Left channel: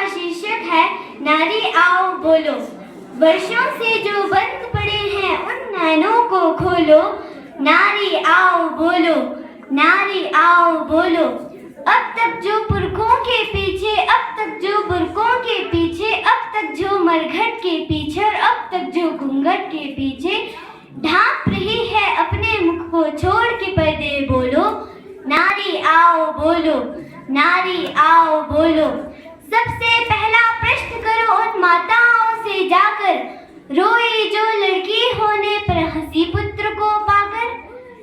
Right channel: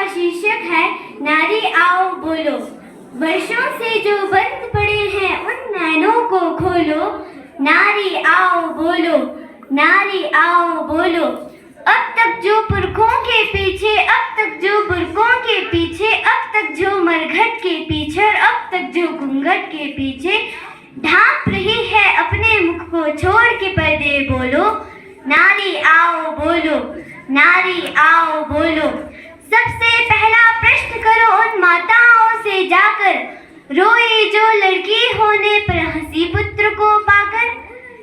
का शीर्षक है नारी आओ बोलो। वर्षों से जो बंद पड़े हैं उन नैनों को खोलो। नारी आओ बोलो, नारी आओ बोलो। अब तक जो पुरखों के पीछे, अब तक जो बुरकों के पीछे, अब तक जो मरघट के पीछे, अब तक जो घूंघट के पीछे ढांप रही है अपने मुख को छोड़ के पर्दे बोलो। नारी आओ बोलो, नारी आओ बोलो। सबसे पहला प्रश्न करो उन माताओं से जाकर, रोई जो लड़की होने पर हंसी पुत्र को पाकर।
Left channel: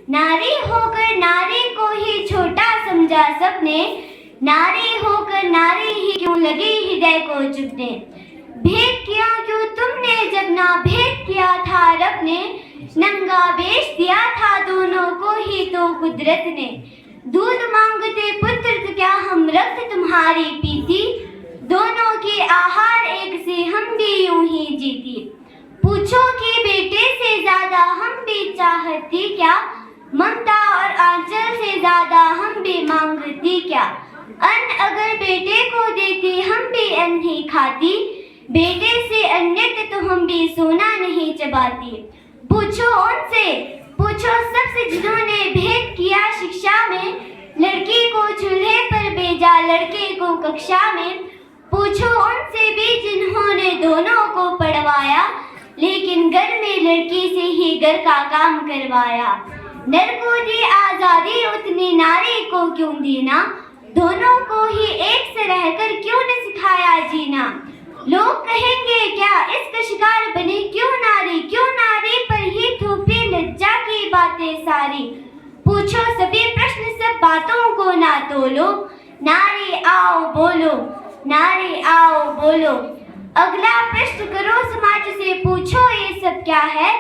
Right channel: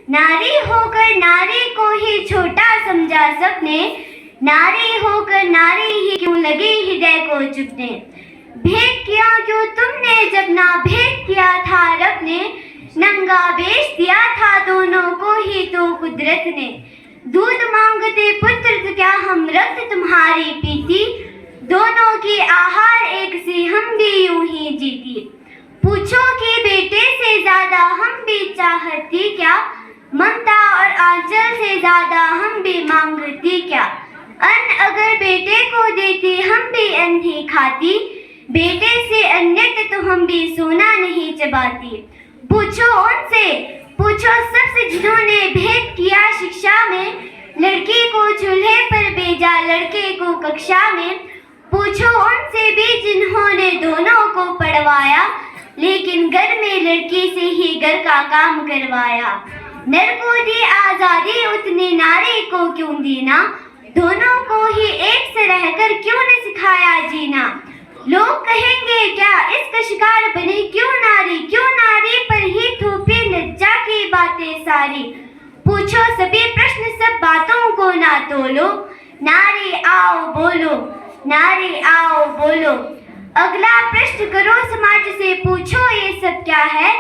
नारी होकर नारी को ही छोटा समझा सबने, नारी होकर नारी ही क्यों लगी हृदय को चुभने। भेद किया क्यों तुमने जब ना भेद किया था रब ने, नंगा बेच दिया था दोनों को ही तो कुदरत ने। दूध मांगते पुत्र तो क्या हम रक्त तुम्हारी पीती, दोनों की आहार एक से हम भी यूं ही जीती। पूछो कि बेटे से ज्यादा हम भी चाहती क्या, ममता और आंचल से ज्यादा हम भी मांगती क्या। अन्न अगर बेटे को देती हम भी अन्न ही खाती, बेटे से अन्य तो हम भी सोना नहीं चबाती। पूछो उनसे, पूछो सबसे जिन्होंने भेद किया शिक्षा में, लड़की को चूल्हे पर भेजा लड़के को कक्षा में। पूछो उनसे भी जिन्होंने दोनों को पढ़वाया, लेकिन घर में लड़की से ही घर का काम करवाया। नर को दी आजादी उतनी नारी को क्यों देना, दोनों को ही एक से रहकर क्यों न सिखाया जीना। लोग कहेंगे क्या इसका शिकार बने क्यों नारी, क्यों नारी पर ही थोपी लज्जा की बातें सारी। पूछो सभी प्रश्न सब बातों को ना तोलो, नारी आओ बोलो, नारी आओ बोलो। अगला प्रश्न करो समाज से, पूछो ये सब क्या है।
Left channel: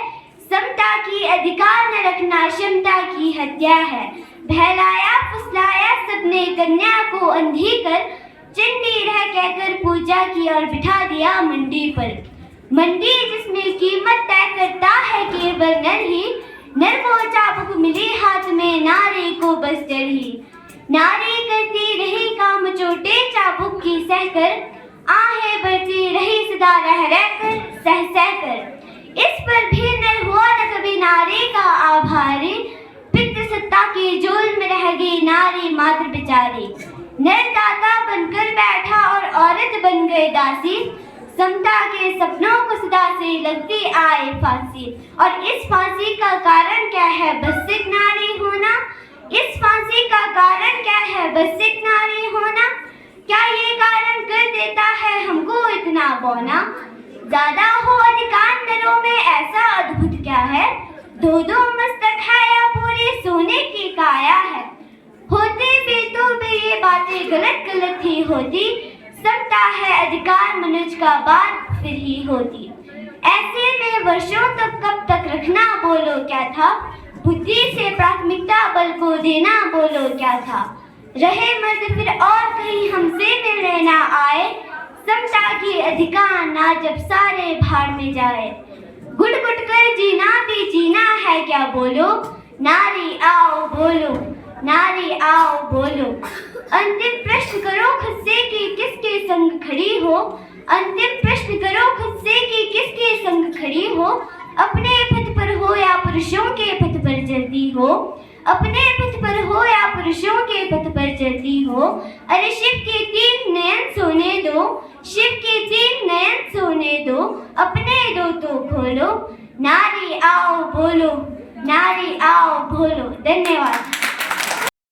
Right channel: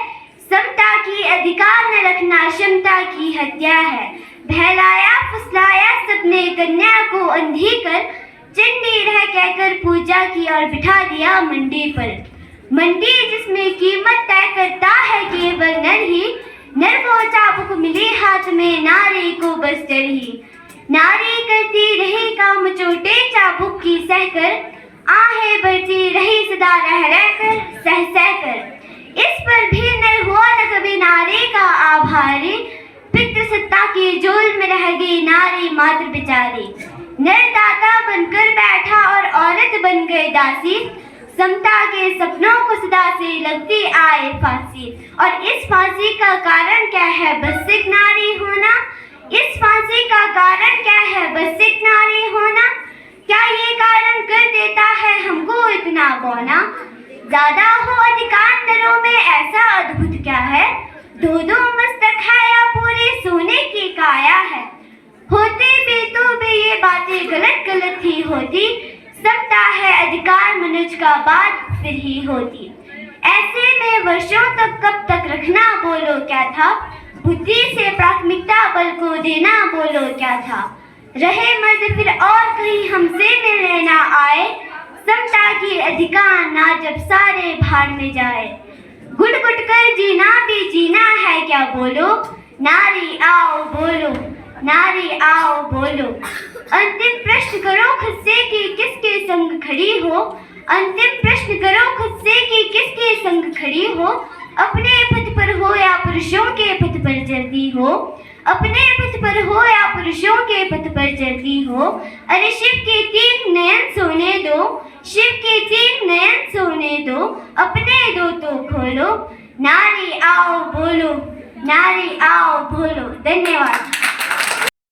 समता की अधिकार न रखना क्षमता की हत्या है। बहलाया फुसलाया सबने कन्या को अंधी कर, चंडी रह कहकर पूजा की और बिठा दिया मंडी पर। मंडी जिसमें कीमत तय करता है केवल नर ही, नर को चाबुक मिली हाथ में नारी को बस डर ही। नारी करती रही काम चोटे चाबुक की सहकर, आहें भरती रही सदा रह रहकर सह सहकर। इस पर भी नर हुआ न कभी नारी का आभारी, पितृसत्ता की जोल में रह गई नारी मात्र बेचारी। नर दाता बनकर बैठा और औरत बन गई दासी, समता के सपनों को सदा से लगती आए फांसी। और इस फांसी का कारण क्या है, बस एक नारी होना। इस फांसी का कारण क्या है, बस एक नारी होना। क्या ये कारण कर देता है हमको इतना बौना, ज्यादा हो अधिकार नरों में ऐसा अद्भुत क्या है। दो दो मस्तक है या पूरी सोने की काया है, होते भी तो भी ये बातें गलत गलत ही होती। समता है अधिकार मनुष्य का बात फिर ही होती। ऐसे में वर्षों तक कब तक रखना बोलो क्या था, बुद्धि से प्राथमिकता बल को देना बोलो क्या था। रहे मर्द फिर और कहीं हमसे मिलने ना आए, समता की अधिकार ना जब सारे भाड़ में जाए। घुट घुट कर जीना भी जीना है क्या बोलो, नारी आओ बोलो, नारी आओ बोलो। अंतिम प्रश्न करो खुद से कि किसके संग खड़ी हो, अंतिम प्रश्न करो खुद से कि किसके संग खड़ी हो। अपने पथ पर हो या पुरुषों के पथ पर चलती हो, अपने पथ पर हो या पुरुषों के पथ पर चलती हो। अरे शिव के तीन नयन सोने दो, शिव के तीन नयन सोने दो, अपने दो तो खोलो। नारी आओ बोलो, नारी आओ बोलो। धन्यवाद।